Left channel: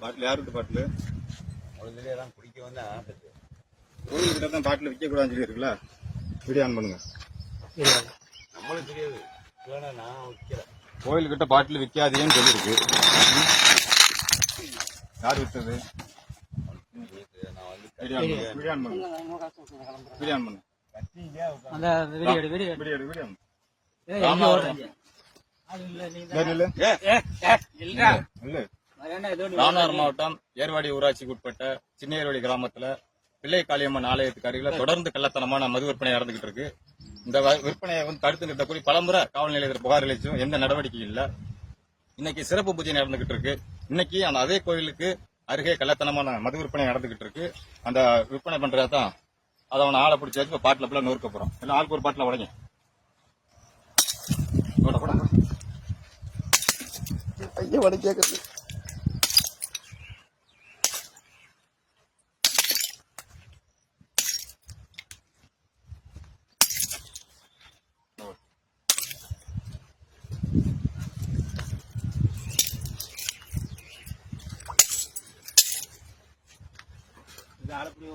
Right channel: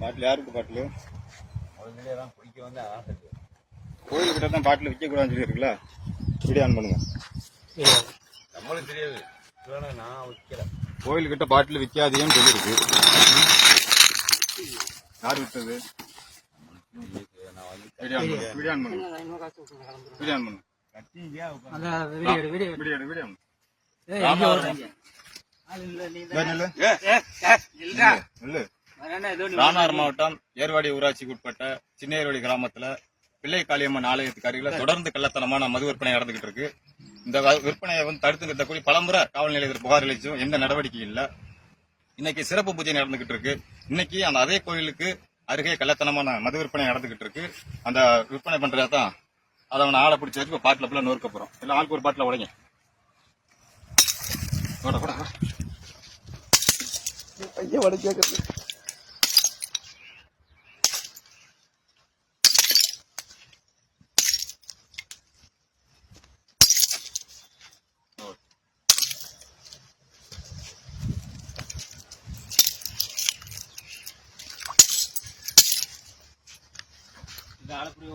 பாட்டில் யாருக்கு பாட்டில்? முதல்ல தான் குடிக்க வந்து கோயில்கிட்ட தான் பாட்டில் விற்கக்கூடாதுன்னு சொல்லியிருக்குல்ல வீடியோ ஆன் பண்ணுங்க. நம்மளுக்கு தெரியாது. வேணா நான் வைக்கல. கோயில்கிட்ட பாட்டில் விற்காதீங்கன்னு சொல்லியிருக்கு. யார் விற்றது இது நான் வந்து வீடியோ ஆன் பண்ணுங்க. வீடியோ ஆன் பண்ணுங்க. வீடியோ ஆன் பண்ணுங்க. கட்டிங்க அந்த வீடியோ வீடியோ. வீடியோ வீடியோ இல்ல. இல்ல. ராமநாதபுரம் மாவட்டம் ஏர்வாடி ஊராட்சிக்கு உட்பட்ட சின்ன ஏர்வாடி கிராமத்துல பிள்ளை காளியம்மன் ஆலயத்துக்கு அருகில தொடர்ந்து கள்ளத்தனமான மது விற்பனை நடந்துகிட்டு இருக்கு. இந்த விற்பனையை வந்து தடுத்து நிறுத்தக்கூடிய பலமுறை காவல் நிலையத்தில் புகார் அளிச்சும் எந்த நடவடிக்கையும் இல்ல. இன்னைக்கு சிறப்பு பூஜை நடந்துகிட்டு இருக்கு. இன்னைக்கு அந்த அதே கோயிலுக்கு அருகே கள்ளத்தனமான மது விற்பனை நடந்துகிட்டு இருக்கு. அந்த விற்பனை பண்றதா தான் அதை அவனை ஆளை பிடிச்சி வச்சு பாட்டில் ஃபுல்லாக நொறுக்க போறோம் எல்லாம் ஆளுக்கு ஒரு பாட்டில் உடைங்க. ஐயா வட கேட்குறது இது ஆளக்கூடிய